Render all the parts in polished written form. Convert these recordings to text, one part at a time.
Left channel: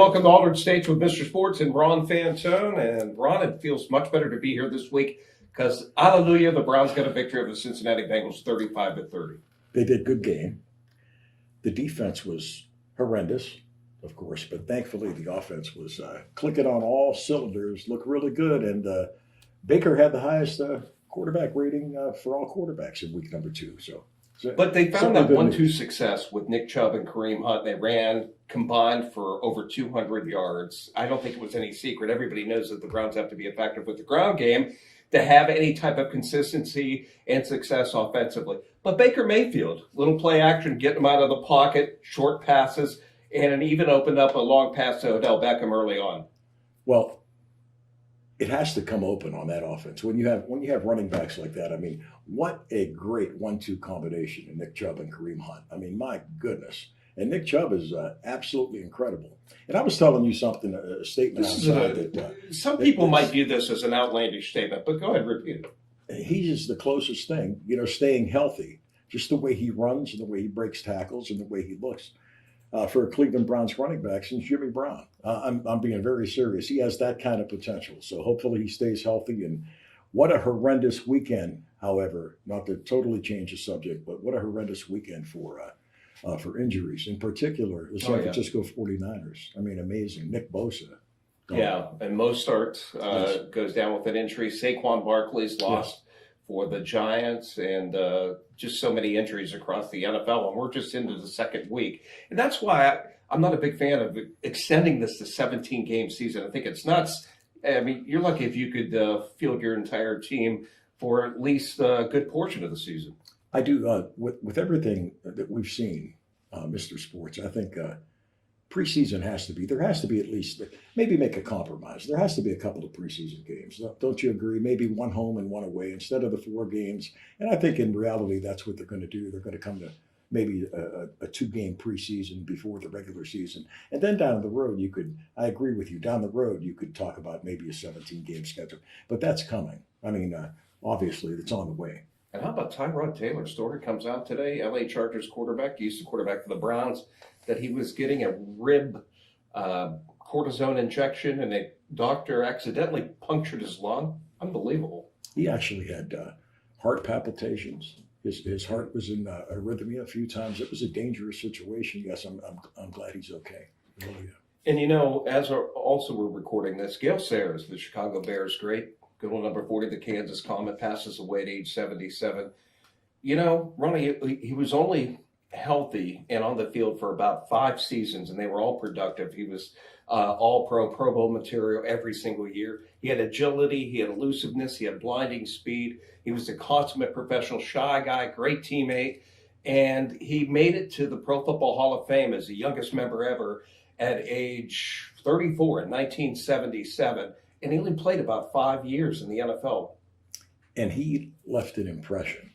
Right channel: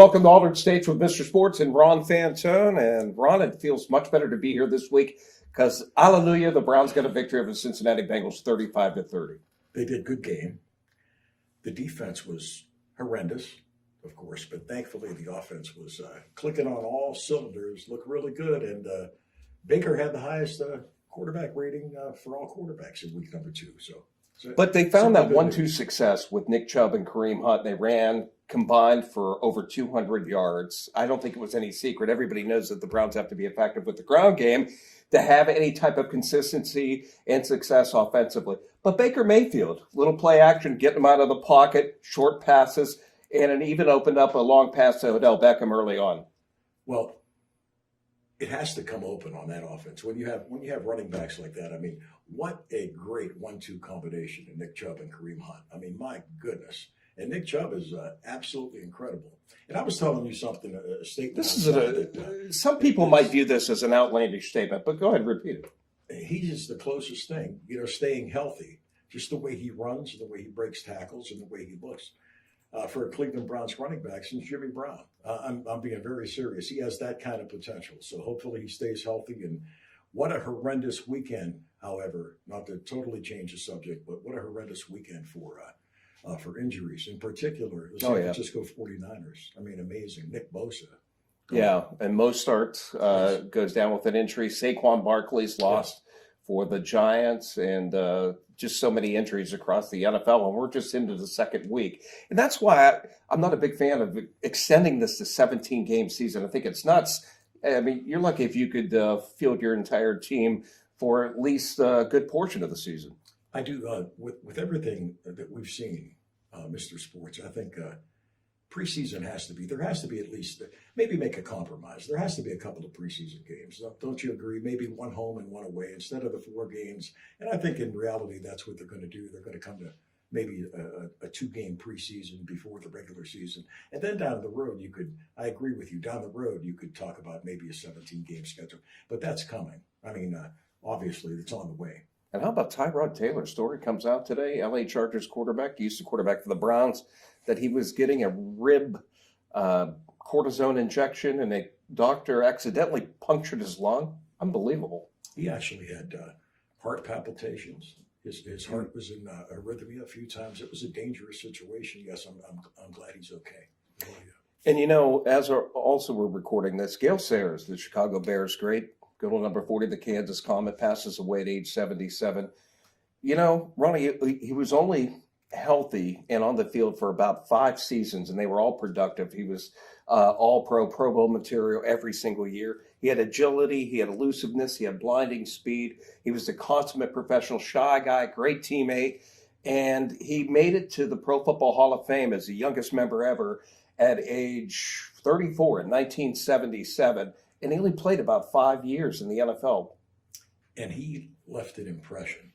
welcome to Altered States with Mr. Sports and Ron Fantone. And Ron, it feels much better to be here this week because, hallelujah, the Browns got a victory over the Cincinnati Bengals 35-30. They did good game. The defense was horrendous, of course, but thankfully the offense was clicking on all cylinders, looked really good. And Baker had the highest quarterback rating for all quarterbacks in week number 2. But they found that 1-2 success with Nick Chubb and Kareem Hunt. They ran combined for over 200 yards. I don't think it was any secret. Everybody knows that the Browns have to be effective with the ground game to have any type of consistency and success offensively. But Baker Mayfield, little play action, getting him out of the pocket, short passes, and it even opened up a long pass to Odell Beckham early on. Well, it has to come open on that offense when you have running backs like that. I mean, what a great 1-2 combination in Nick Chubb and Kareem Hunt. I mean, my goodness. And Nick Chubb is absolutely incredible. And I was telling you something, a statement. Some people might view this as an outlandish statement, but go ahead, repeat it. He's the closest thing, staying healthy, just the way he runs and the way he breaks tackles and the way he looks. For a Cleveland Browns running back since Jimmy Brown. I'm being very serious. He has that kind of potential. So hopefully he stays healthy. And what a horrendous weekend, however, not to totally change the subject, but what a horrendous weekend for injuries, in particular the San Francisco 49ers. I mean, amazing. Nick Bosa. Yeah, and Mostert goes down with an injury. Saquon Barkley's lost for the Giants, and just so many injuries across the NFL, and we're just into the second week. And that's why I'm not a big fan of extending this to 17-game season. I think it's nuts. I mean, you're lucky if you could field your entire team for at least a good portion of the season. I do. With everything that we've seen, Mr. Sports, I think preseason there has to be at least, maybe make a compromise. There has to be a couple of preseason games. Don't you agree? Maybe one home and one away instead of the 4 games. And I think in reality, that's what they're going to do. They're going to come to maybe a 2-game preseason before the regular season. And then down the road, I agree with you, down the road, you could talk about maybe a 17-game schedule. But that's coming. I mean, obviously, it's on the way. And how about Tyrod Taylor? Story comes out today, LA Chargers quarterback, used to quarterback for the Browns, that he was getting a rib cortisone injection and a doctor accidentally punctured his lung. Unbelievable. He actually had heart palpitations. His heart was in arrhythmia a few times. It was a dangerous situation. Yes, I'm glad he's okay. Really. And as we're recording this, Gale Sayers, the Chicago Bears great, good old number 40, the Kansas Comet, passes away at age 77. Ronnie, he was only healthy and on the field for about 5 seasons, and they were all productive. He was all Pro Bowl material every single year. He had agility, he had elusiveness, he had blinding speed. He was a consummate professional, shy guy, great teammate, and he made it to the Pro Football Hall of Fame as the youngest member ever at age 34 in 1977, and he only played about 5 years in the NFL. And he left an impression.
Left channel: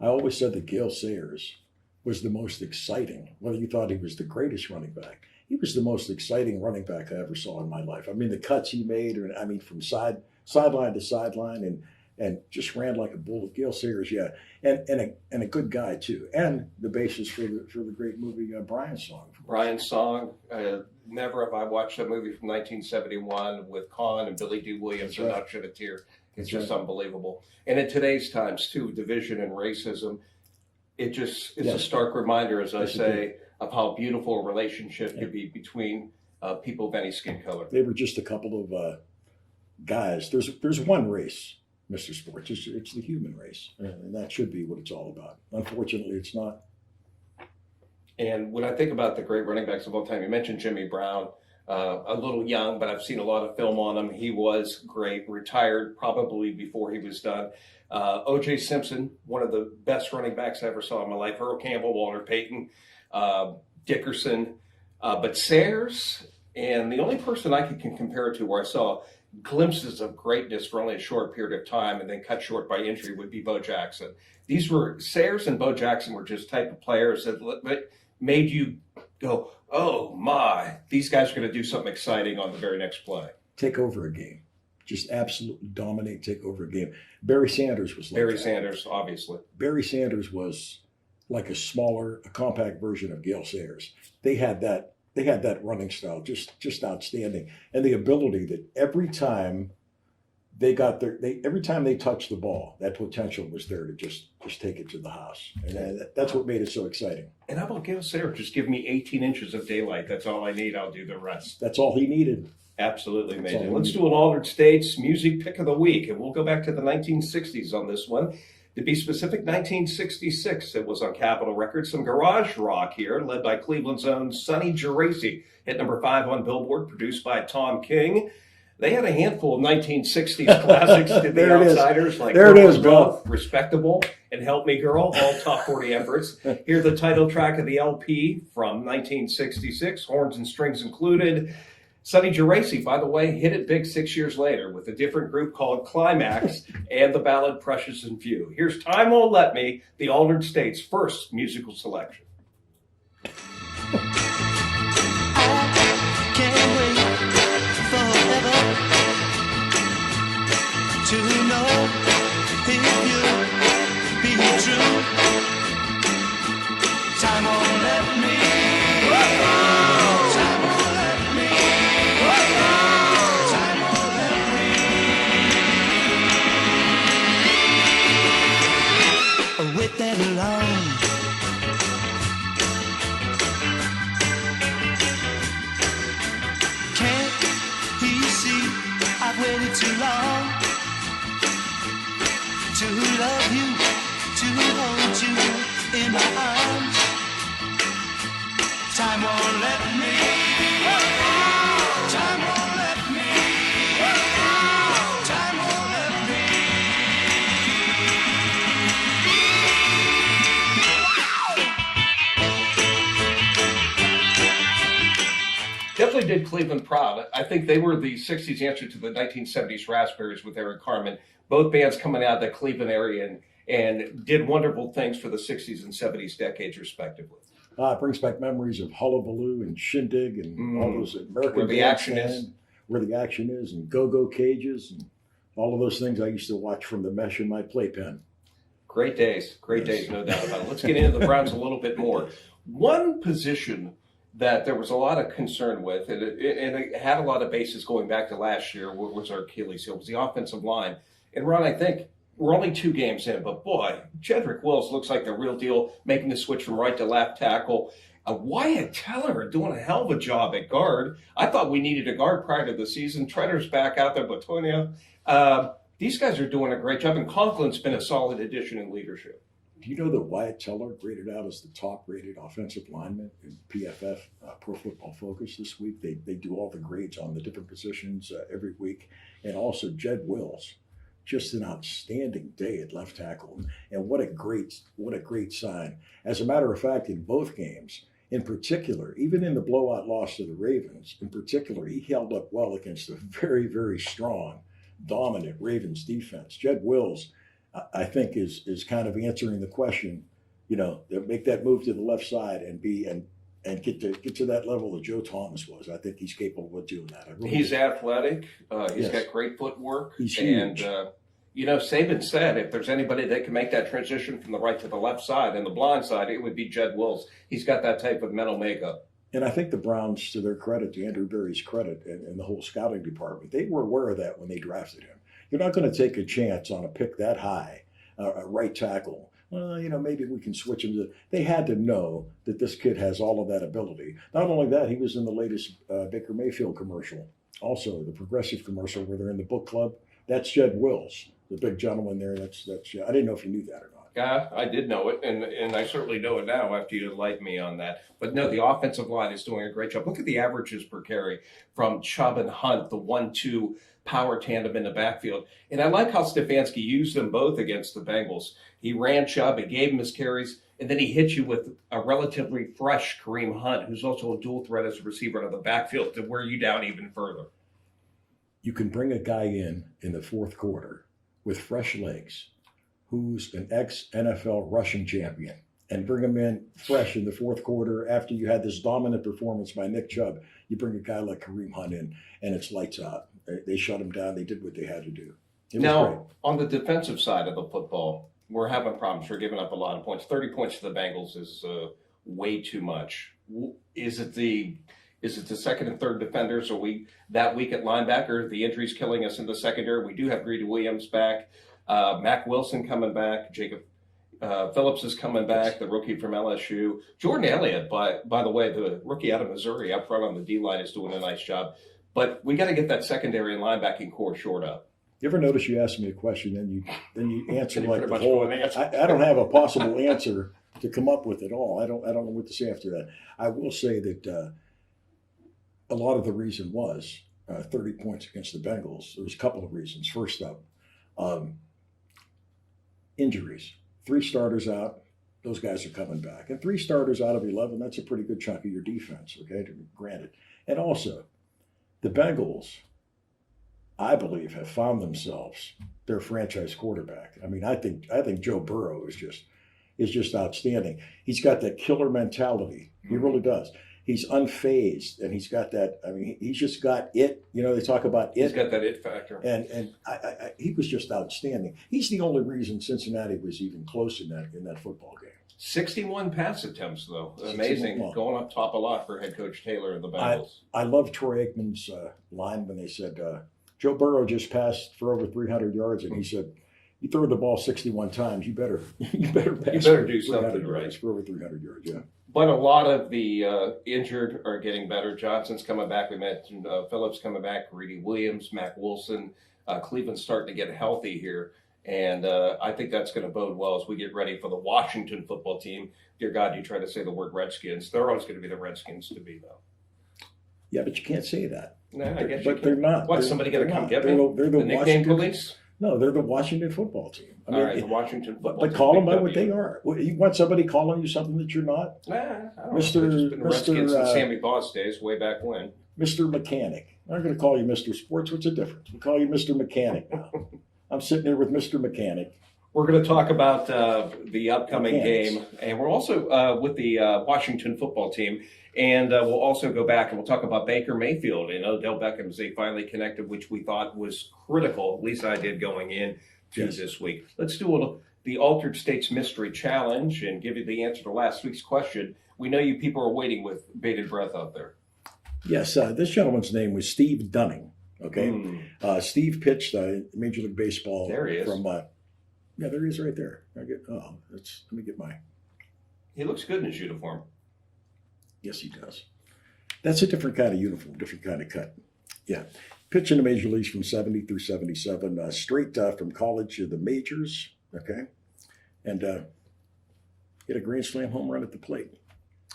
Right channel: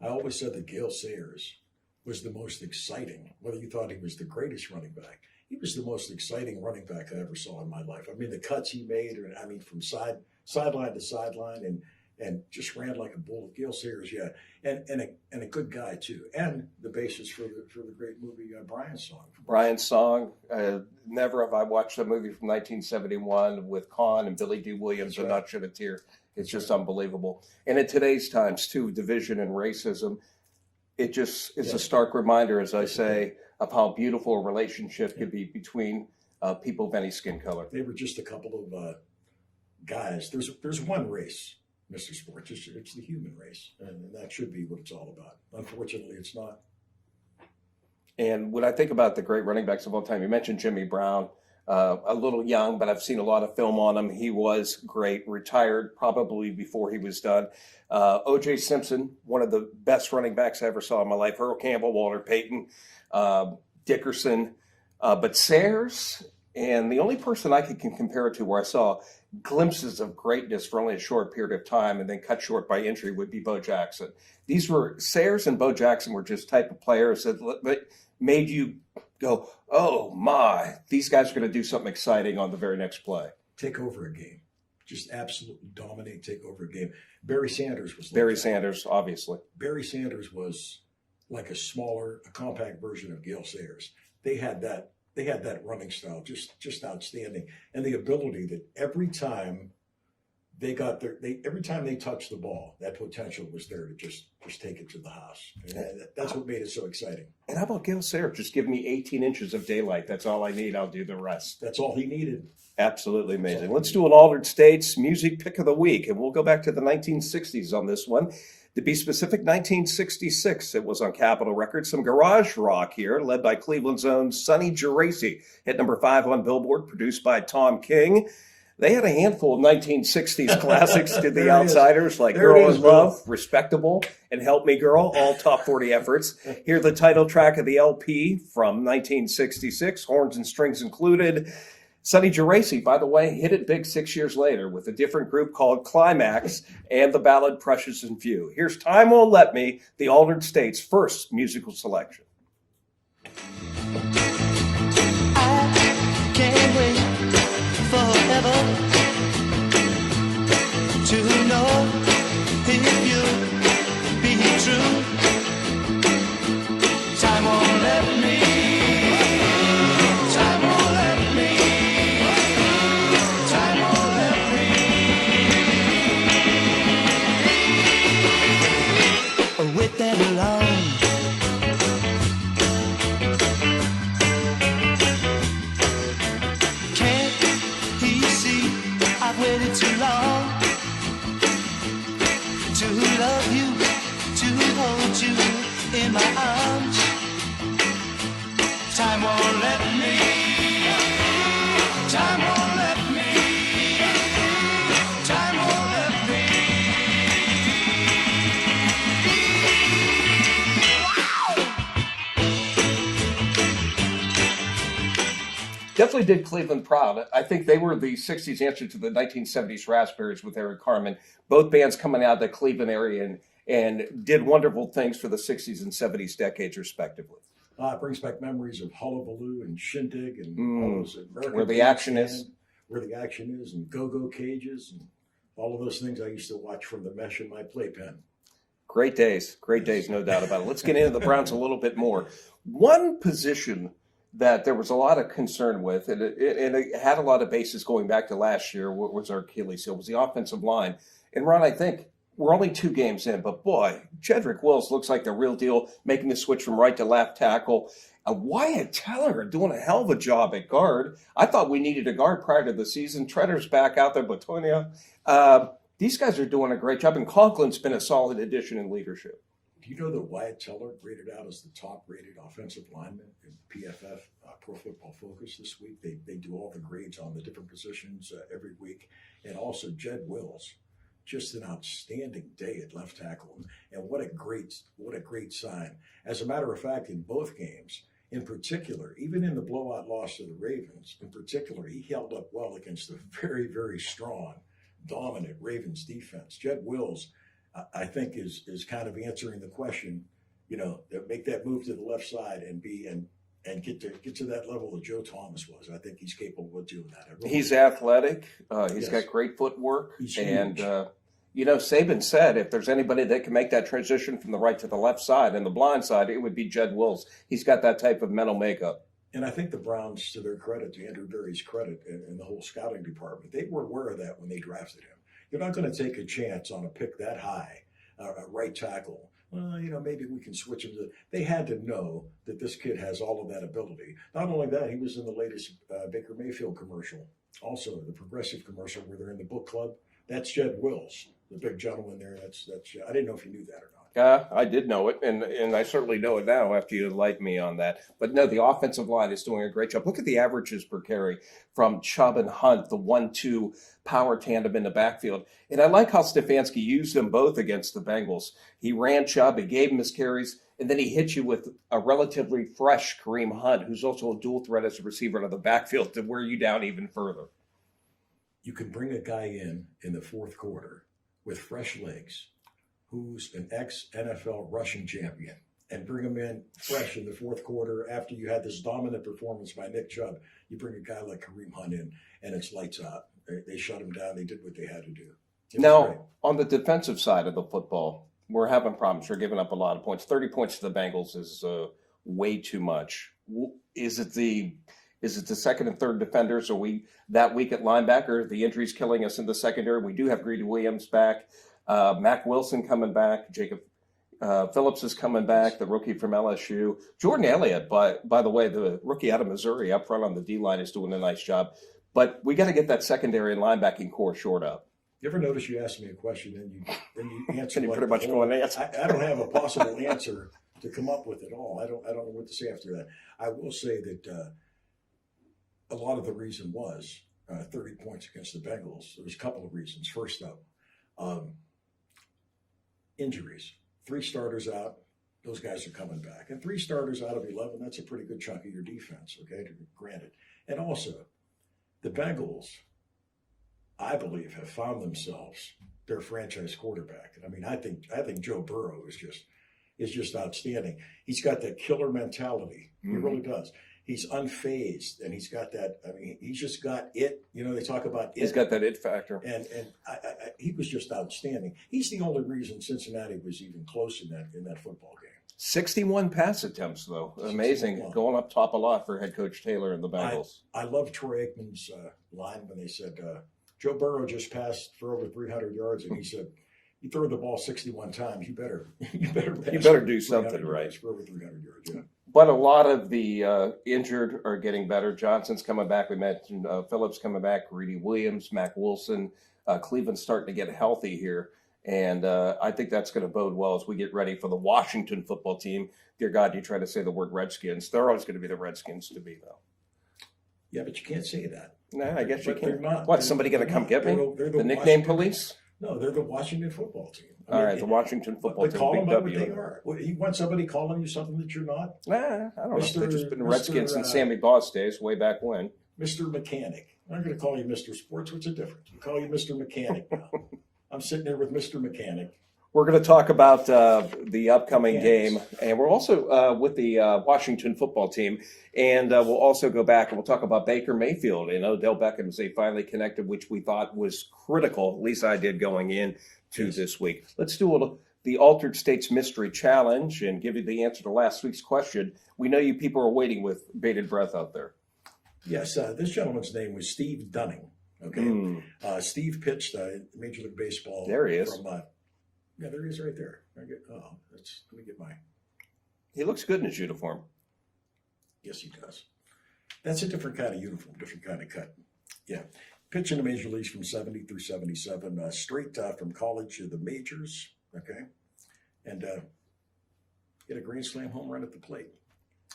I always said that Gale Sayers was the most exciting, whether you thought he was the greatest running back, he was the most exciting running back I ever saw in my life. I mean, the cuts he made, from sideline to sideline, and just ran like a bull. Gale Sayers, yeah, and a good guy too, and the basis for the great movie Brian's Song. Brian's Song. Never have I watched a movie from 1971 with Con and Billy D. Williams and not shed a tear. It's just unbelievable. And in today's times too, division and racism, it's a stark reminder, as I say, of how beautiful a relationship could be between people of any skin color. They were just a couple of guys. There's one race, Mr. Sports. It's the human race, and that should be what it's all about. Unfortunately, it's not. And when I think about the great running backs of all time, you mentioned Jimmy Brown, a little young, but I've seen a lot of film on him. He was great, retired probably before he was done. O.J. Simpson, one of the best running backs I ever saw in my life. Earl Campbell, Walter Payton, Dickerson, but Sayers, and the only person I can compare it to where I saw glimpses of greatness for only a short period of time and then cut short by injury would be Bo Jackson. Sayers and Bo Jackson were just type of players that made you go, oh my, these guys are going to do something exciting on the very next play. Take over a game. Just absolutely dominate, take over a game. Barry Sanders was like that. Sanders, obviously. Barry Sanders was like a compact version of Gale Sayers. They had that they had that running style, just outstanding, and the ability that every time every time they touched the ball, that potential was there to just take it to the house, and that's what made it so exciting. And how about Gale Sayre? Just give me 18 inches of daylight. That's all I need. I'll do the rest. That's all he needed. Absolutely amazing. all Let's we do an Altered States music pick of the week, and we'll go back to the 1960s on this one. To be specific, 1966. It was on Capitol Records. Some garage rock here, led by Cleveland's own Sonny Geraci. Hit number 5 on Billboard, produced by Tom King. They had a handful of 1960s classics to the There it is. outsiders, like There it Girl is, and Bob. Love, Respectable, and Help Me Girl, all top 40 efforts. Here's the title track of the LP from 1966, horns and strings included. Sonny Geraci, by the way, hit it big 6 years later with a different group called Climax and the ballad Precious and Few. Here's Time Won't Let Me, the Altered States' first musical selection. I can't wait forever to know if you'll be true. Time won't let me. Time won't let me. Time won't let me. Wait that long. Can't he see I've waited too long to love you, to hold you in my arms? Time won't let me. Time won't let me. Time won't let me. Definitely did Cleveland proud. I think they were the 60s answer to the 1970s Raspberries with Eric Carmen. Both bands coming out of the Cleveland area and did wonderful things for the 60s and 70s decades, respectively. It brings back memories of Hullabaloo and Shindig and all those American Where the action Bandstand, is. where the action is, and Go-Go Cages, and all of those things I used to watch from the mesh in my playpen. Great days, no doubt about it. Let's get into the Browns a little bit more. One position that there was a lot of concern with, and it had a lot of bases going back to last year, was our Achilles heel, was the offensive line. And Ron, I think we're only 2 games in, but boy, Jedrick Wills looks like the real deal, making the switch from right to left tackle. Wyatt Teller doing a hell of a job at guard. I thought we needed a guard prior to the season. Treader's back out there, Batonia. These guys are doing a great job, and Conklin's been a solid addition in leadership. Do you know that Wyatt Teller graded out as the top-rated offensive lineman in PFF, Pro Football Focus, this week? They do all the grades on the different positions every week. And also Jed Wills, just an outstanding day at left tackle. And what a great sign. As a matter of fact, in both games, in particular, even in the blowout loss to the Ravens, in particular, he held up well against a very, very strong, dominant Ravens defense. Jed Wills, I think, is kind of answering the question, make that move to the left side and get to that level that Joe Thomas was. I think he's capable of doing that. He's athletic. He's Yes. got great footwork. He's huge. And, Saban said if there's anybody that can make that transition from the right to the left side and the blind side, it would be Jed Wills. He's got that type of mental makeup. And I think the Browns, to their credit, to Andrew Berry's credit, and the whole scouting department, they were aware of that when they drafted him. You're not going to take a chance on a pick that high, a right tackle. Well, maybe we can switch him to. They had to know that this kid has all of that ability. Not only that, he was in the latest Baker Mayfield commercial, also the Progressive commercial where they're in the book club. That's Jed Wills, the big gentleman there. That's. I didn't know if you knew that or not. I did know it, and I certainly know it now after you enlightened me on that. But no, the offensive line is doing a great job. Look at the averages per carry from Chubb and Hunt, the 1-2 power tandem in the backfield. And I like how Stefanski used them both against the Bengals. He ran Chubb, he gave him his carries, and then he hit you with a relatively fresh Kareem Hunt, who's also a dual threat as a receiver out of the backfield to wear you down even further. You can bring a guy in the fourth quarter with fresh legs, who's an ex-NFL rushing champion, and bring him in fresh in the fourth quarter after you had this dominant performance by Nick Chubb. You bring a guy like Kareem Hunt in, and it's lights out. They shut him down. They did what they had to do. Now, on the defensive side of the football, we're having problems. We're giving up a lot of points. 30 points to the Bengals is way too much. Is it the Is it the second and third defenders? Are we that weak at linebacker? The injuries killing us in the secondary. We do have Greedy Williams back, Mac Wilson coming back, Jacob Phillips is coming back, the rookie from LSU. Jordan Elliott, by the way, the rookie out of Missouri up front on the D line is doing a nice job. But we got to get that secondary and linebacking core short up. You ever notice you ask me a question, then you answer You like pretty the much whole, go and answer. I don't have a possible answer to come up with at all. I don't know what to say after that. I will say that a lot of the reason was 30 points against the Bengals. There was a couple of reasons. First up, injuries. 3 starters out. Those guys are coming back. And 3 starters out of 11, that's a pretty good chunk of your defense, okay, granted. And also, the Bengals, I believe, have found themselves their franchise quarterback. I mean, I think Joe Burrow is just outstanding. He's got that killer mentality. He really does. He's unfazed, and he's got that. I mean, he's just got it. You know, they talk about it. He's got that it factor. And he was just outstanding. He's the only reason Cincinnati was even close in that football game. 61 pass attempts, though. Amazing. 61. Going up top a lot for head coach Taylor and the Bengals. I love Troy Aikman's line when they said Joe Burrow just passed for over 300 yards, and he said, "You throw the ball 61 times, you better do something right for over 300 yards." Yeah. But a lot of the injured are getting better. Johnson's coming back. We mentioned Phillips coming back, Greedy Williams, Mac Wilson. Cleveland's starting to get healthy here. And I think that's going to bode well as we get ready for the Washington football team. Dear God, you try to say the word Redskins. They're always going to be the Redskins to be, though. Yeah, but you can't say that. Nah, I guess but you they're can. not. What, somebody going to come get me? They're The nickname Washington police? No, they're the Washington football team. I All mean, right, the Washington football They team. call big them by what W. they are. You want somebody calling you something that you're not? Nah, I don't Mr. know. They've just been Redskins Mr. and Sammy Boss days, way back when. Mr. Mechanic. I'm not going to call you Mr. Sports. What's the difference? We call you Mr. Mechanic now. I'm sitting there with Mr. Mechanic. We're going to talk about the upcoming Mechanics. game, and we're also with the Washington football team, and we'll also go back and we'll talk about Baker Mayfield and Odell Beckham as they finally connected, which we thought was critical. At least I did going in to Yes. this week. Let's do the Altered States Mystery Challenge and give you the answer to last week's question. We know you people are waiting with bated breath out there. Yes, this gentleman's name was Steve Dunning. Okay. Steve pitched Major League Baseball. There he is. From, yeah, there he is right there. Let me get my. He looks good in his uniform. Yes, he does. That's a different kind of uniform, different kind of cut. Yeah. Pitched in the major leagues from 70 through 77, straight from college to the majors. Okay. And hit a grand slam home run at the plate.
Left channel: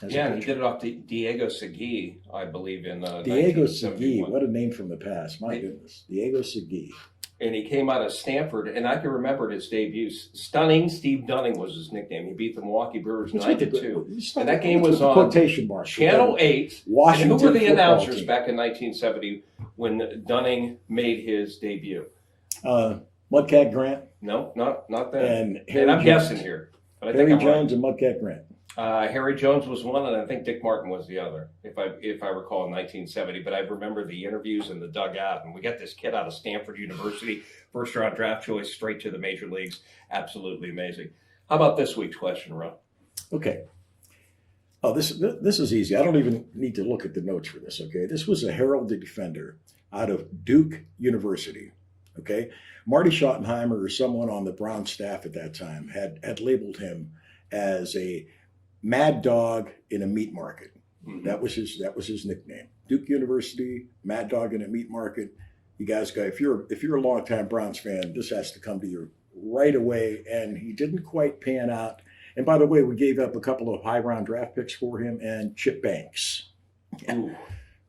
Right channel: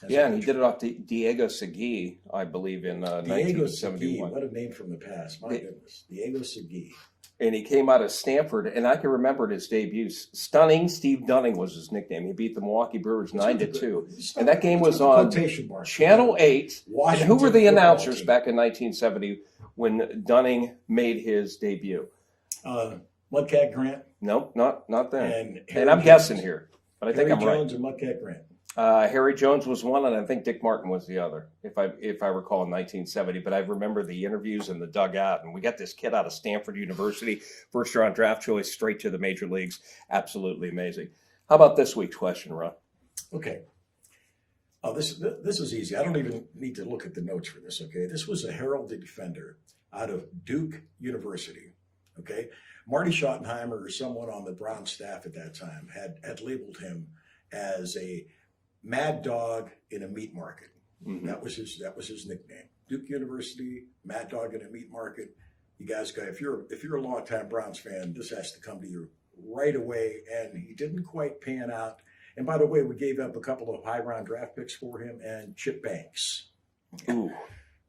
Yeah, and he did it off Diego Segui, I believe, in Diego 1971. Segui, what a name from the past. My goodness. Diego Segui. And he came out of Stanford, and I can remember his debut. Stunning Steve Dunning was his nickname. He beat the Milwaukee Brewers 9-2. And that game was on quotation marks. Channel 8. Washington And who were the football announcers team. back in 1970 when Dunning made his debut? Mudcat Grant No, not that. and Harry And I'm Jones. guessing here, but I think Harry I'm right. Jones and Mudcat Grant. Harry Jones was one, and I think Dick Martin was the other, if I recall, in 1970. But I remember the interviews in the dugout, and we got this kid out of Stanford University, first-round draft choice, straight to the major leagues. Absolutely amazing. How about this week's question, Ron? Okay. Oh, this is easy. I don't even need to look at the notes for this. Okay, this was a heralded defender out of Duke University. Okay, Marty Schottenheimer or someone on the Brown staff at that time had labeled him as a mad dog in a meat market. Mhm. That was his nickname. Duke University, mad dog in a meat market. You guys got if you're a longtime Browns fan, this has to come to you right away. And he didn't quite pan out. And by the way, we gave up a couple of high round draft picks for him and Chip Banks. Ooh,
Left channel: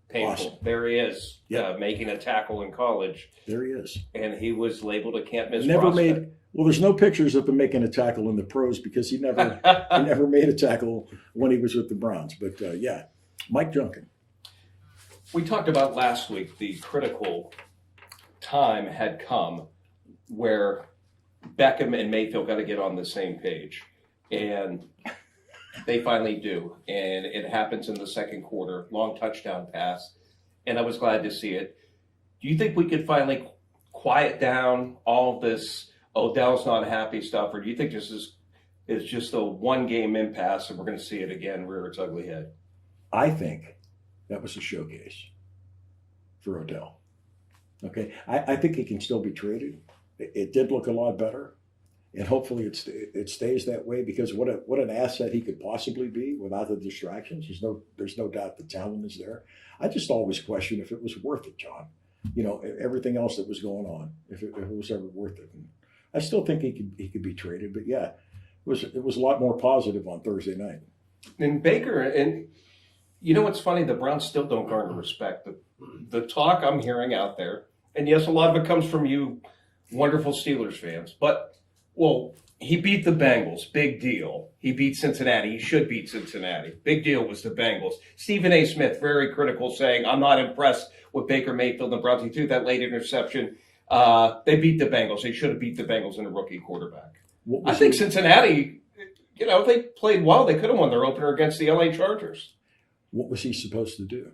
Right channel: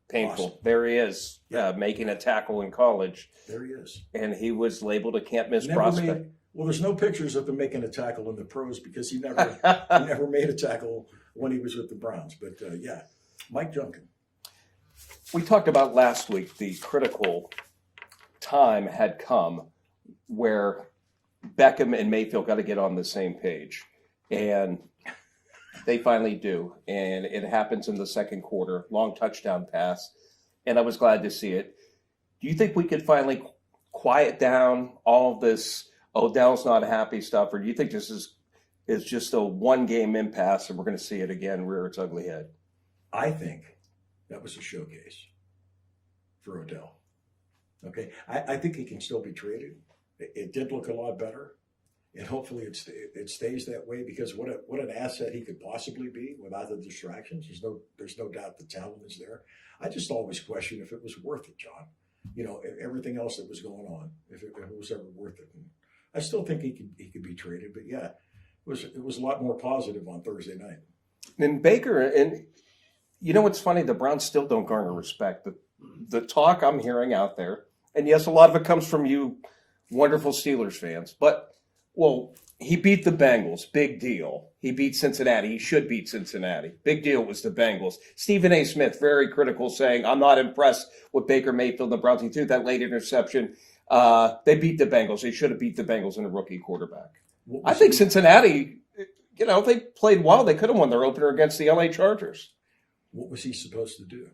painful. Awesome. There he is, making a tackle in college, There he is. and he was labeled a can't miss Never prospect. made. Well, there's no pictures of him making a tackle in the pros because he never made a tackle when he was with the Browns. But yeah, Mike Junkin. We talked about last week the critical time had come where Beckham and Mayfield got to get on the same page. And they finally do. And it happens in the second quarter, long touchdown pass. And I was glad to see it. Do you think we could finally quiet down all this Odell's not happy stuff? Or do you think this is just a one-game impasse and we're going to see it again rear its ugly head? I think That was a showcase for Odell. Okay, I think he can still be traded. It did look a lot better, and hopefully it stays that way, because what an asset he could possibly be without the distractions. There's no doubt the talent is there. I just always question if it was worth it, John. You know, everything else that was going on, if it was ever worth it. And I still think he could be traded, but yeah, it was a lot more positive on Thursday night. And Baker, and you know what's funny? The Browns still don't garner respect. The talk I'm hearing out there, and yes, a lot of it comes from you wonderful Steelers fans, but, well, he beat the Bengals. Big deal. He beat Cincinnati. He should beat Cincinnati. Big deal was the Bengals. Stephen A. Smith, very critical, saying, I'm not impressed with Baker Mayfield and the Browns. He threw that late interception. They beat the Bengals. They should have beat the Bengals in a rookie quarterback. I think Cincinnati, you know, they played well. They could have won their opener against the LA Chargers. What was he supposed to do?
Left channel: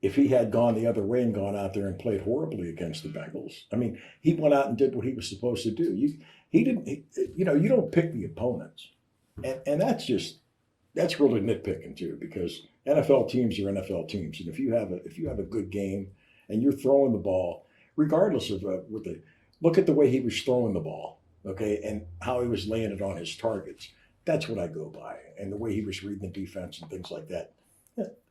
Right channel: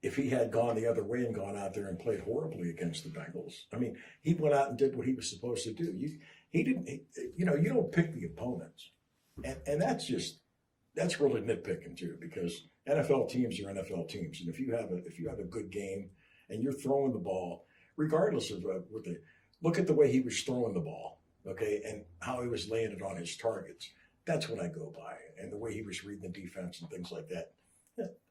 If he had gone the other way and gone out there and played horribly against the Bengals, I mean, he went out and did what he was supposed to do. You don't pick the opponents, and that's really nitpicking too, because NFL teams are NFL teams, and if you have a good game and you're throwing the ball, regardless of look at the way he was throwing the ball, okay, and how he was laying it on his targets. That's what I go by, and the way he was reading the defense and things like that.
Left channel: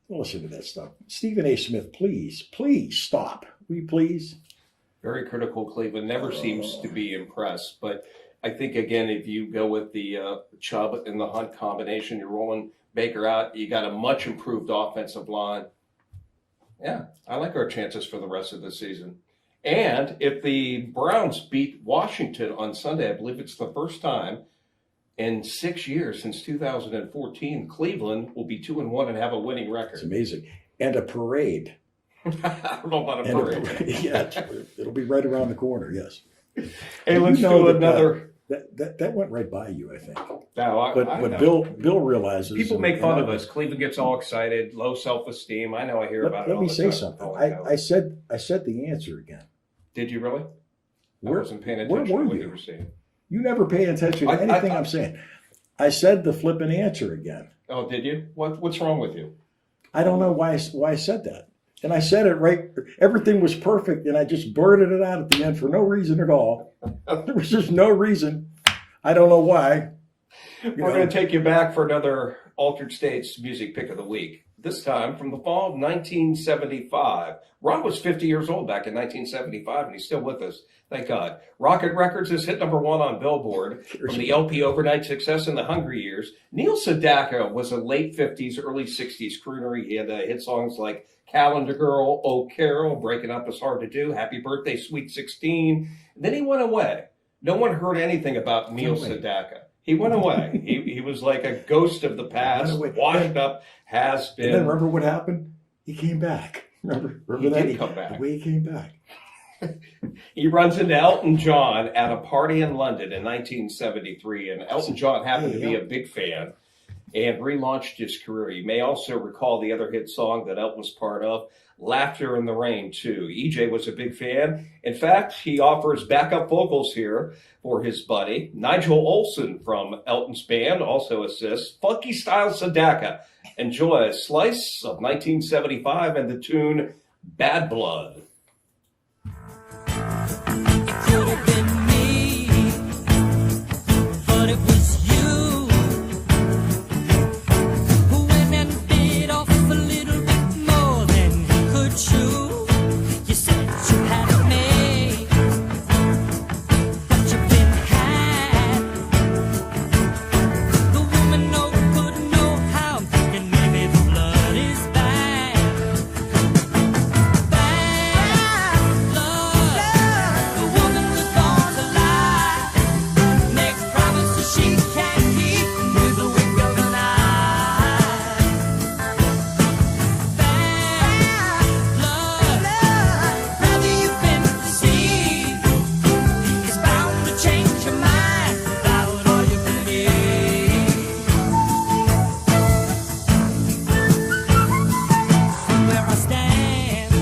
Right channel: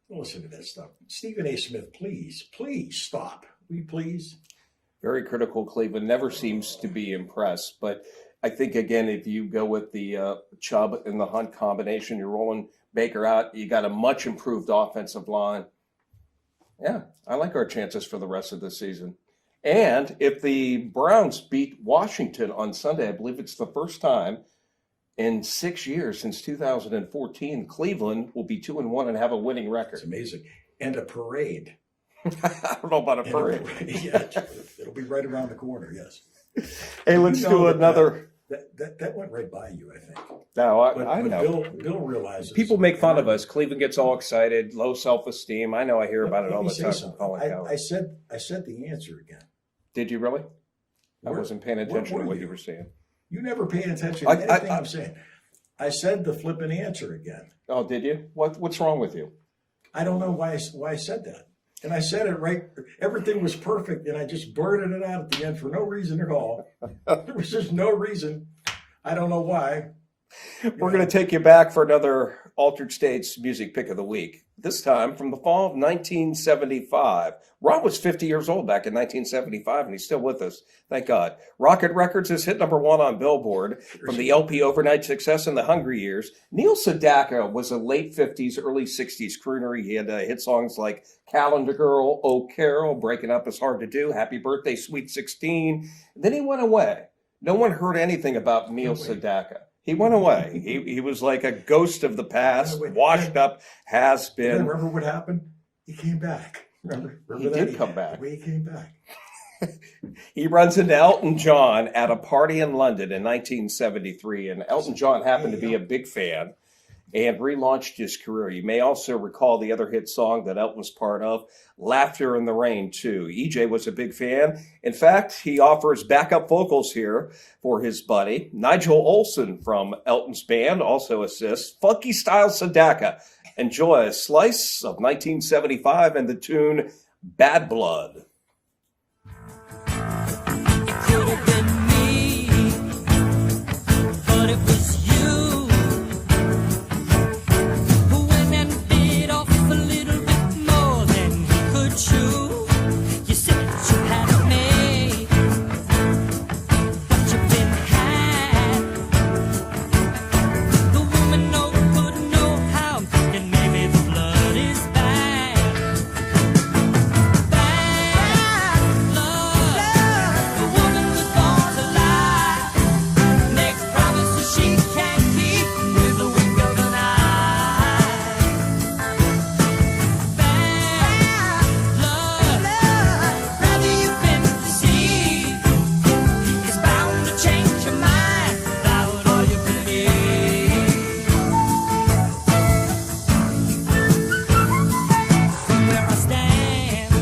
Don't listen to that stuff. Stephen A. Smith, please stop. Will you please? Very critical. Cleveland never seems to be impressed. But I think, again, if you go with the Chubb and the Hunt combination, you're rolling Baker out, you got a much improved offensive line. Yeah, I like our chances for the rest of the season. And if the Browns beat Washington on Sunday, I believe it's the first time in 6 years, since 2014, Cleveland will be 2-1 and have a winning record. It's amazing. And a parade. I don't know about a parade. Yeah, it'll be right around the corner, yes. Hey, let's do another. That went right by you, I think. No, I But know. Bill realizes. People make fun of us. Cleveland gets all excited, low self-esteem. I know I hear about it Let all me the say time. something. Oh, my God. I said the answer again. Did you really? I Where- wasn't paying where attention to were what you? you were saying. You never pay attention to anything I'm saying. I said the flipping answer again. Oh, did you? What's wrong with you? I don't know why I said that. And I said it right. Everything was perfect, and I just blurted it out at the end for no reason at all. There was just no reason. I don't know why. We're going to take you back for another Altered States music pick of the week. This time from the fall of 1975. Ron was 50 years old back in 1975, and he's still with us. Thank God. Rocket Records is hit number 1 on Billboard from the LP Overnight Success in the Hungry Years. Neil Sedaka was a late 50s, early 60s crooner. He had hit songs like Calendar Girl, Oh Carol, Breaking Up Is Hard to Do, Happy Birthday, Sweet 16. Then he went away. No one heard anything about Neil Sedaka. He went away. He was like a ghost of the past, washed up, has been. And remember what happened? He came back. Remember he that? Did come back. The way he came back. He runs into Elton John at a party in London in 1973, and Elton John happened to be a big fan and relaunched his career. You may also recall the other hit song that Elton was part of, Laughter in the Rain, too. EJ was a big fan. In fact, he offers backup vocals here for his buddy. Nigel Olsson from Elton's band also assists. Funky Style Sedaka. Enjoy a slice of 1975 and the tune Bad Blood. Could have been me, but it was you who went and bit off a little bit more than he could chew. You said you had it made, but you've been had. The woman no good, no how. I'm thinking maybe the blood is bad. Bad blood. The woman was born to lie. Makes promises she can't keep with the wink of an eye. Bad blood. Rather you've been deceived. It's bound to change your mind without all you believe. From where I stand,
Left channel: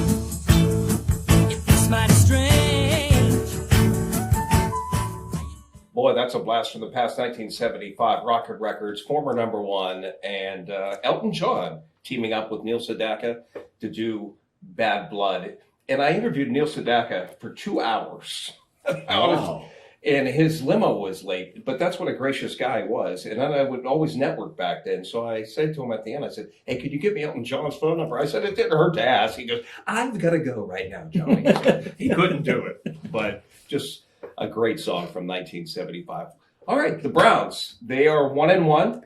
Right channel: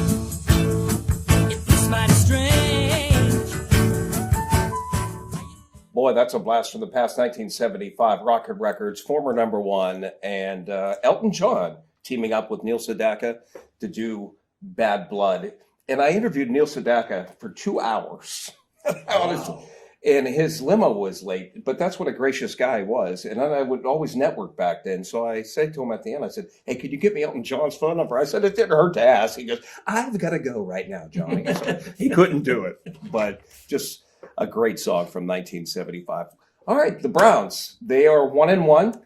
it looks mighty strange. Boy, that's a blast from the past. 1975, Rocket Records, former number 1, and Elton John teaming up with Neil Sedaka to do Bad Blood. And I interviewed Neil Sedaka for 2 hours. Wow. And his limo was late, but that's what a gracious guy was. And then I would always network back then. So I said to him at the end, I said, hey, could you get me Elton John's phone number? I said, it didn't hurt to ask. He goes, I've got to go right now, Johnny. So he couldn't do it, but just a great song from 1975. All right, the Browns, they are 1-1.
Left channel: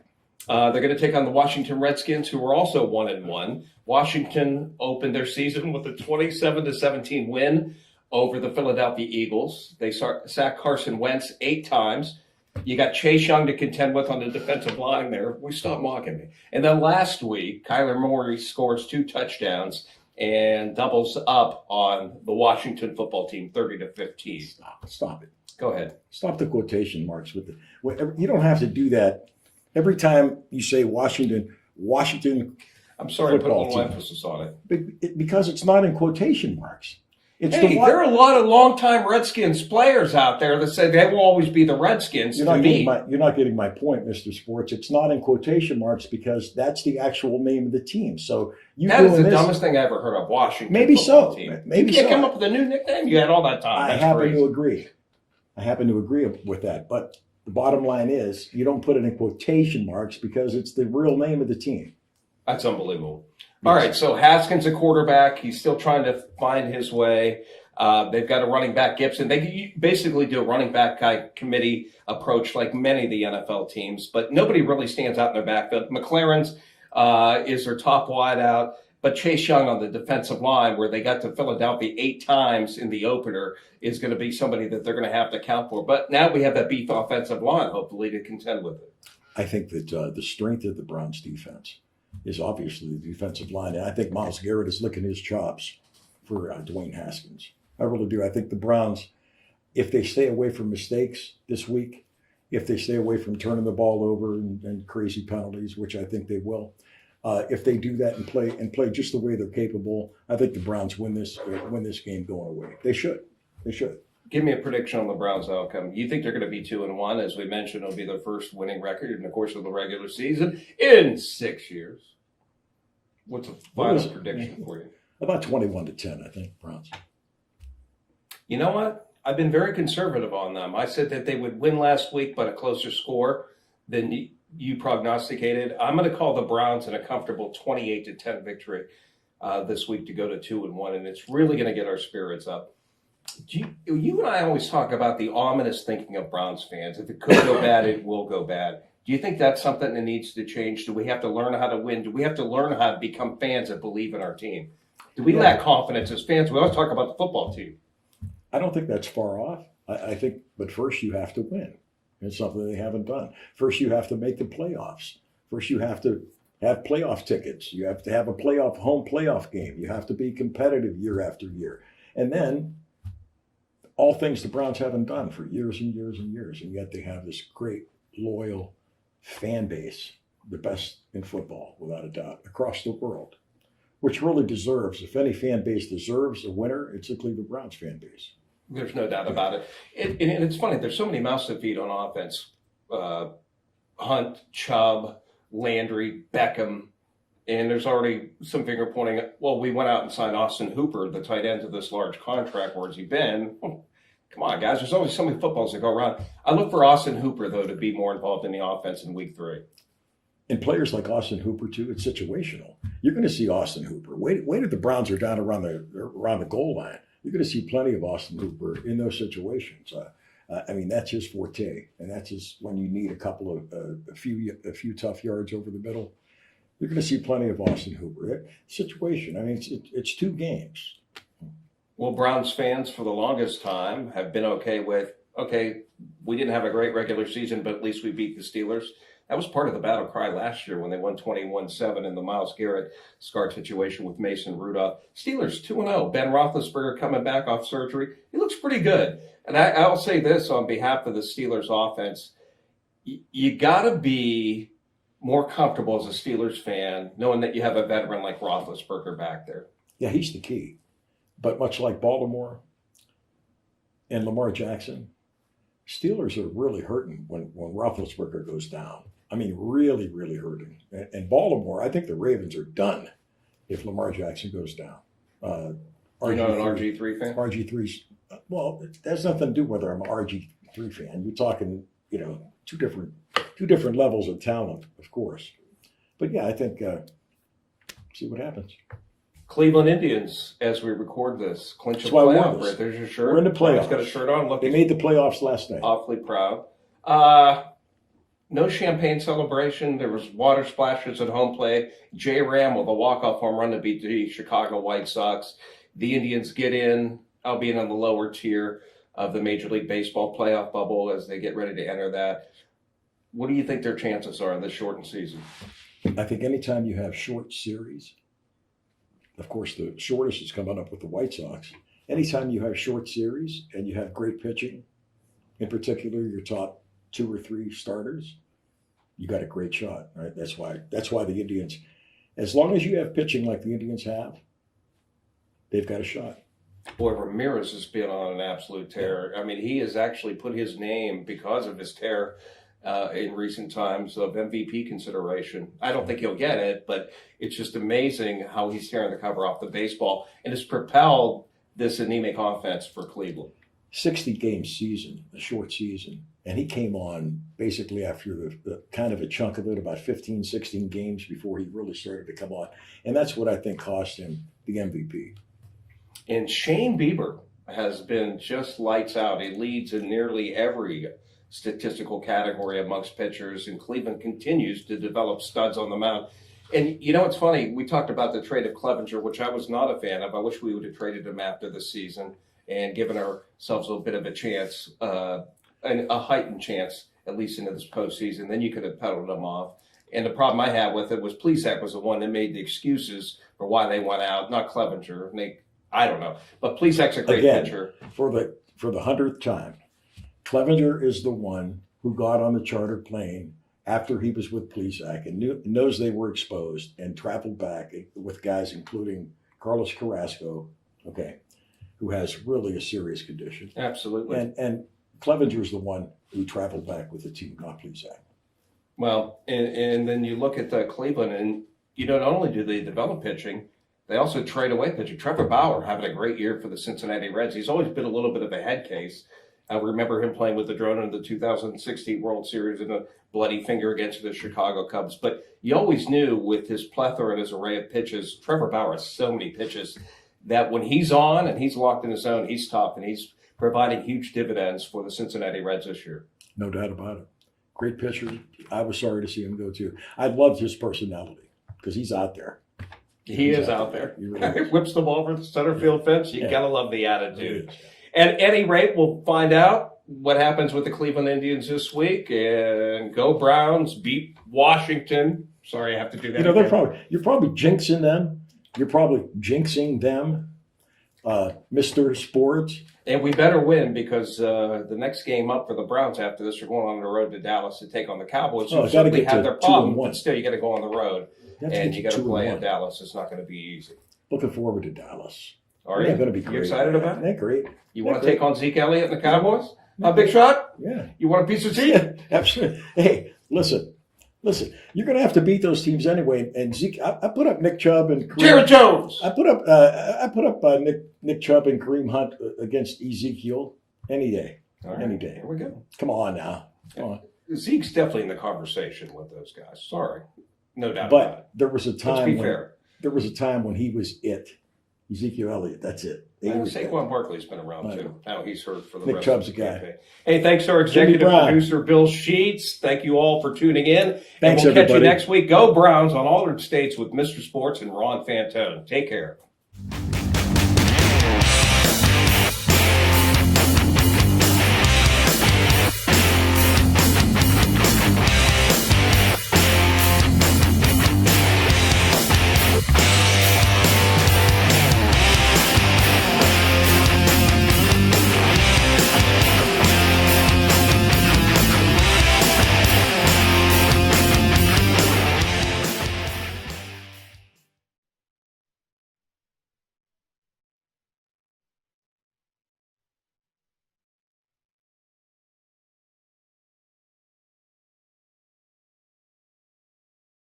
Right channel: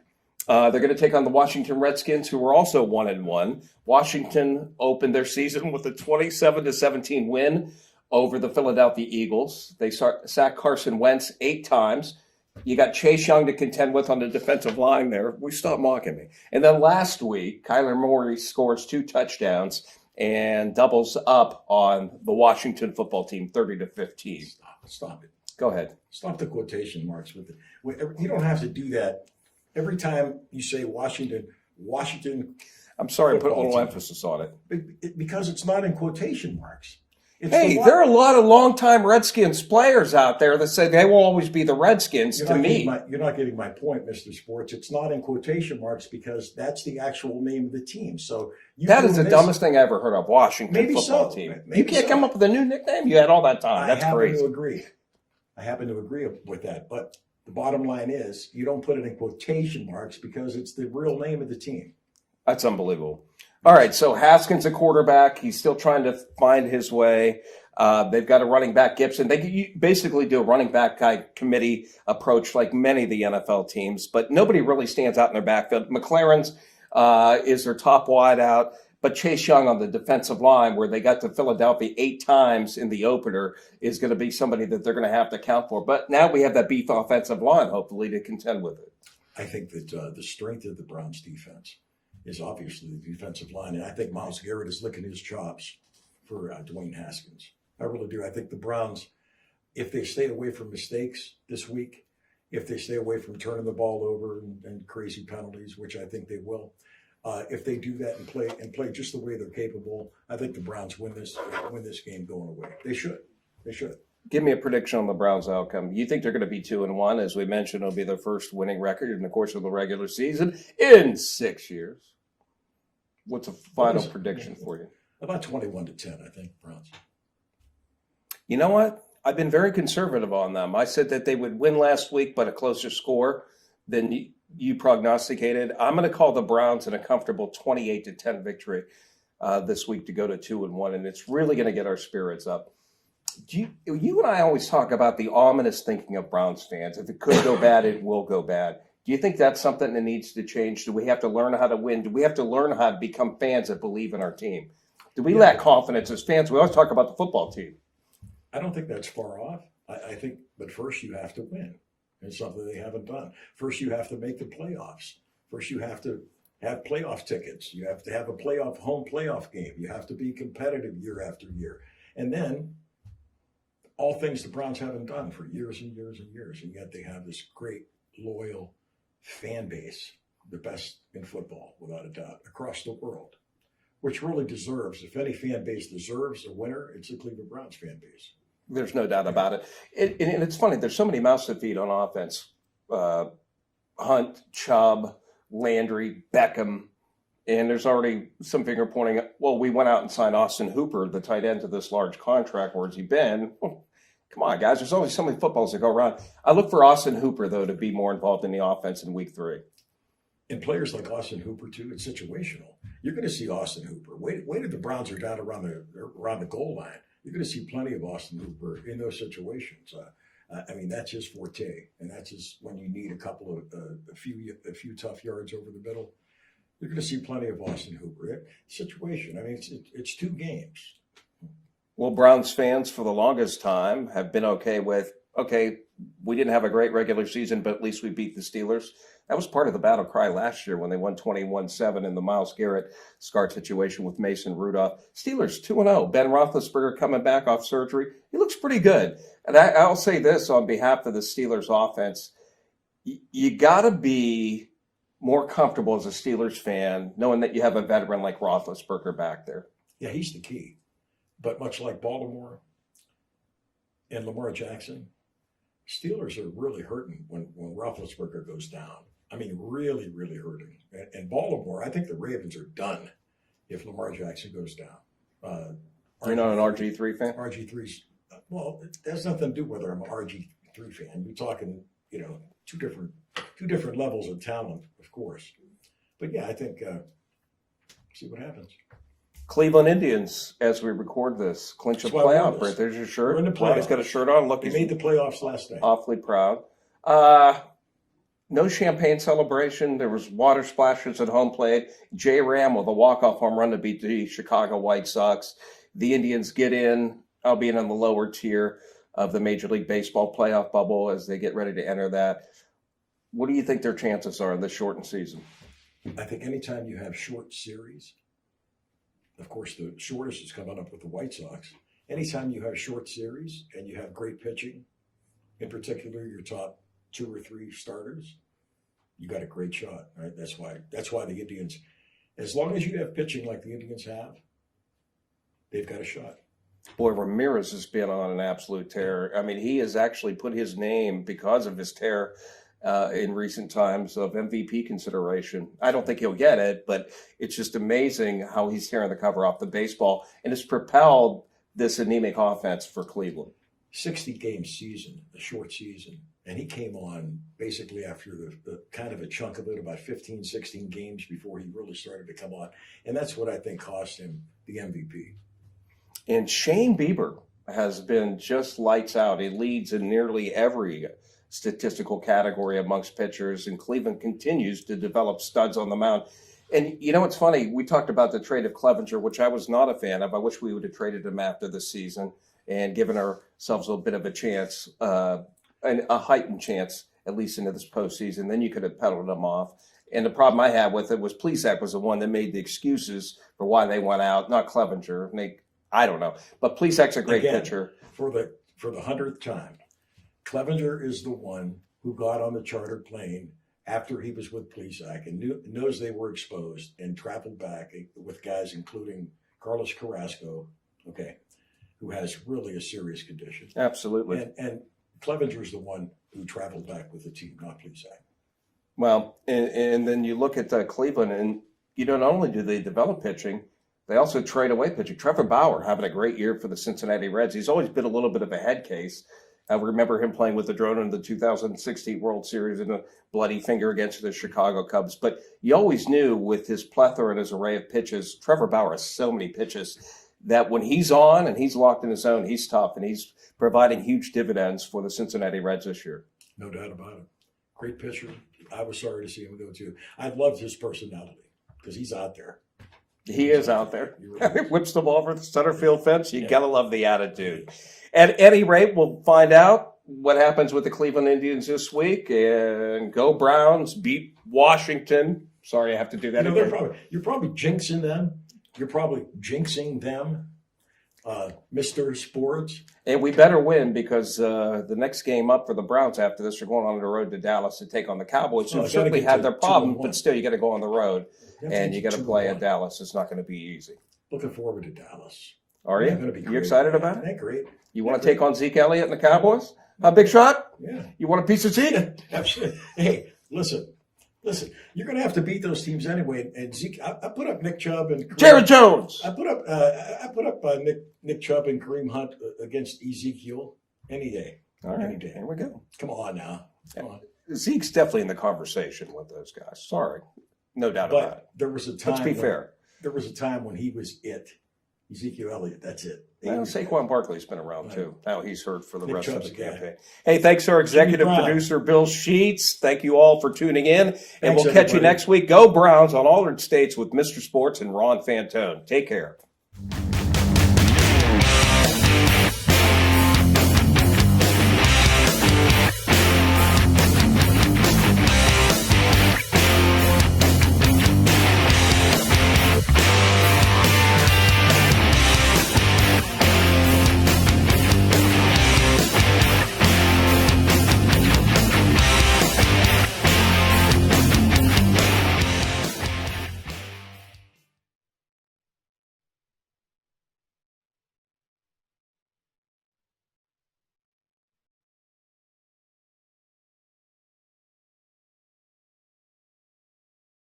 They're going to take on the Washington Redskins, who are also 1-1. Washington opened their season with a 27-17 win over the Philadelphia Eagles. They sacked Carson Wentz 8 times. You got Chase Young to contend with on the defensive line there. We stop mocking me. And then last week, Kyler Murray scores 2 touchdowns and doubles up on the Washington football team, 30-15. Stop it. Go ahead. Stop the quotation marks with it. You don't have to do that. Every time you say Washington, I'm sorry to put a Football little team. emphasis on it. because it's not in quotation marks. It's Hey, the there are a lot of longtime Redskins players out there that say they will always be the Redskins You're to not, me. you're not getting my point, Mr. Sports. It's not in quotation marks because that's the actual name of the team. So That is doing the this- dumbest thing I ever heard of. Washington Maybe football so. team. Maybe you can't so. come up with a new nickname. You had all that time. I That's happen crazy. to agree. I happen to agree with that. But the bottom line is you don't put it in quotation marks because it's the real name of the team. That's unbelievable. All right, so Haskins a quarterback. He's still trying to find his way. They've got a running back, Gibson. They basically do a running back committee approach like many of the NFL teams, but nobody really stands out in their backfield. McLaren's is their top wideout, but Chase Young on the defensive line, where they got to Philadelphia 8 times in the opener, is going to be somebody that they're going to have to account for. But now we have that beef offensive line, hopefully, to contend with it. I think that the strength of the Browns defense is obviously the defensive line. And I think Myles Garrett is licking his chops for Dwayne Haskins. I really do. I think the Browns, if they stay away from mistakes this week, if they stay away from turning the ball over and crazy penalties, which I think they will, if they do that and play just the way they're capable, I think the Browns win this game going away. They should. They should. Give me a prediction on the Browns' outcome. You think they're going to be 2-1? As we mentioned, it'll be their first winning record in the course of the regular season in 6 years. What's a final prediction for you? About 21-10, I think, Browns. You know what? I've been very conservative on them. I said that they would win last week, but a closer score than you prognosticated. I'm going to call the Browns in a comfortable 28-10 victory this week to go to 2-1, and it's really going to get our spirits up. You and I always talk about the ominous thinking of Browns fans. If it could go bad, it will go bad. Do you think that's something that needs to change? Do we have to learn how to win? Do we have to learn how to become fans that believe in our team? Do we lack confidence as fans? We always talk about the football team. I don't think that's far off. I think, but first you have to win. It's something they haven't done. First you have to make the playoffs. First you have to have playoff tickets. You have to have a home playoff game. You have to be competitive year after year. And then all things the Browns haven't done for years and years and years. And yet they have this great, loyal fan base, the best in football, without a doubt, across the world, which really deserves, if any fan base deserves a winner, it's the Cleveland Browns fan base. There's no doubt about it. And it's funny, there's so many mouths to feed on offense. Hunt, Chubb, Landry, Beckham, and there's already some finger pointing. Well, we went out and signed Austin Hooper, the tight end, to this large contract. Where's he been? Come on, guys. There's always so many footballs that go around. I look for Austin Hooper, though, to be more involved in the offense in week 3. And players like Austin Hooper, too, it's situational. You're going to see Austin Hooper. Wait if the Browns are down around the goal line. You're going to see plenty of Austin Hooper in those situations. I mean, that's his forte, and that's his when you need a few tough yards over the middle. You're going to see plenty of Austin Hooper. Situation. I mean, it's 2 games. Well, Browns fans for the longest time have been okay with, we didn't have a great regular season, but at least we beat the Steelers. That was part of the battle cry last year when they won 21-7 in the Myles Garrett scar situation with Mason Rudolph. Steelers 2-0. Ben Roethlisberger coming back off surgery. He looks pretty good. And I'll say this on behalf of the Steelers offense. You got to be more comfortable as a Steelers fan knowing that you have a veteran like Roethlisberger back there. Yeah, he's the key. But much like Baltimore and Lamar Jackson, Steelers are really hurting when Roethlisberger goes down. I mean, really, really hurting. And Baltimore, I think the Ravens are done if Lamar Jackson goes down. You're not an RG3 fan? RG3's, well, it has nothing to do whether I'm an RG3 fan. You're talking, two different levels of talent, of course. But yeah, I think, see what happens. Cleveland Indians, as we record this, clinch a That's why I wore playoff. this. Right there's your shirt. We're in the Brian's playoffs. got a shirt on. Look, They he's made the playoffs last night. awfully proud. No champagne celebration. There was water splashes at home plate. J. Ram with a walk-off home run to beat the Chicago White Sox. The Indians get in, albeit on the lower tier of the Major League Baseball playoff bubble as they get ready to enter that. What do you think their chances are this shortened season? I think anytime you have short series, of course, the shortest is coming up with the White Sox. Anytime you have short series and you have great pitching, in particular your top 2 or 3 starters, you got a great shot, right? That's why the Indians, as long as you have pitching like the Indians have, they've got a shot. Boy, Ramirez has been on an absolute tear. I mean, he has actually put his name, because of his tear in recent times, of MVP consideration. I don't think he'll get it, but it's just amazing how he's tearing the cover off the baseball and has propelled this anemic offense for Cleveland. 60-game season, a short season, and he came on basically after the kind of a chunk of it, about 15, 16 games before he really started to come on. And that's what I think cost him the MVP. And Shane Bieber has been just lights out. He leads in nearly every statistical category amongst pitchers, and Cleveland continues to develop studs on the mound. And it's funny, we talked about the trade of Clevenger, which I was not a fan of. I wish we would have traded him after the season and given ourselves a bit of a chance, and a heightened chance, at least into this postseason. Then you could have peddled him off. And the problem I had with it was Plesac was the one that made the excuses for why they went out, not Clevenger. I don't know. But Plesac's a great Again, pitcher. For the 100th time, Clevenger is the one who got on the chartered plane after he was with Plesac and knows they were exposed and traveled back with guys including Carlos Carrasco, who has really a serious condition. Absolutely. And Clevenger's the one who traveled back with the team, not Plesac. Well, and then you look at Cleveland, and not only do they develop pitching, they also trade away pitching. Trevor Bauer having a great year for the Cincinnati Reds. He's always been a little bit of a head case. I remember him playing with the Drone in the 2016 World Series and a bloody finger against the Chicago Cubs. But you always knew with his plethora and his array of pitches, Trevor Bauer has so many pitches that when he's on and he's locked in his zone, he's tough, and he's providing huge dividends for the Cincinnati Reds this year. No doubt about it. Great pitcher. I was sorry to see him go too. I loved his personality because he's out there. He is out there. He really is. Whips the ball over the center field fence. You Yeah. gotta love the attitude. He is. At any rate, we'll find out what happens with the Cleveland Indians this week. And go Browns, beat Washington. Sorry, I have to do that again. You're probably jinxing them. You're probably jinxing them, Mr. Sports. And we better win, because the next game up for the Browns after this, are going on the road to Dallas to take on the Cowboys. Well, Who I gotta certainly get had to their 2-1. problem, but still, you got to go on the road have to and get you got to to play 2-1. at Dallas. It's not going to be easy. Looking forward to Dallas. Are Yeah, you? gonna be great. You excited about it? They're great. You want to take on Zeke Elliott and the Cowboys? A big shot? Yeah, You want a piece of Zeke? absolutely. Hey, listen. You're going to have to beat those teams anyway. And Zeke, I put up Nick Chubb and Jared Jones. I put up Nick Chubb and Kareem Hunt against Ezekiel any day. All right, Any day. Here we go. Come on now. Come on. Zeke's definitely in the conversation with those guys. Sorry. No doubt about it. But there was a time. Let's be when- fair. There was a time when he was it. Ezekiel Elliott. That's it. He was it. Saquon Barkley's been around I too. know. Now he's hurt for the Nick rest Chubb's of the a guy. campaign. Hey, thanks to our Jimmy executive Brown. producer, Bill Sheets. Thank you all for tuning in. And Thanks, we'll catch you everybody. next week. Go Browns on Altered States with Mr. Sports and Ron Fantone. Take care.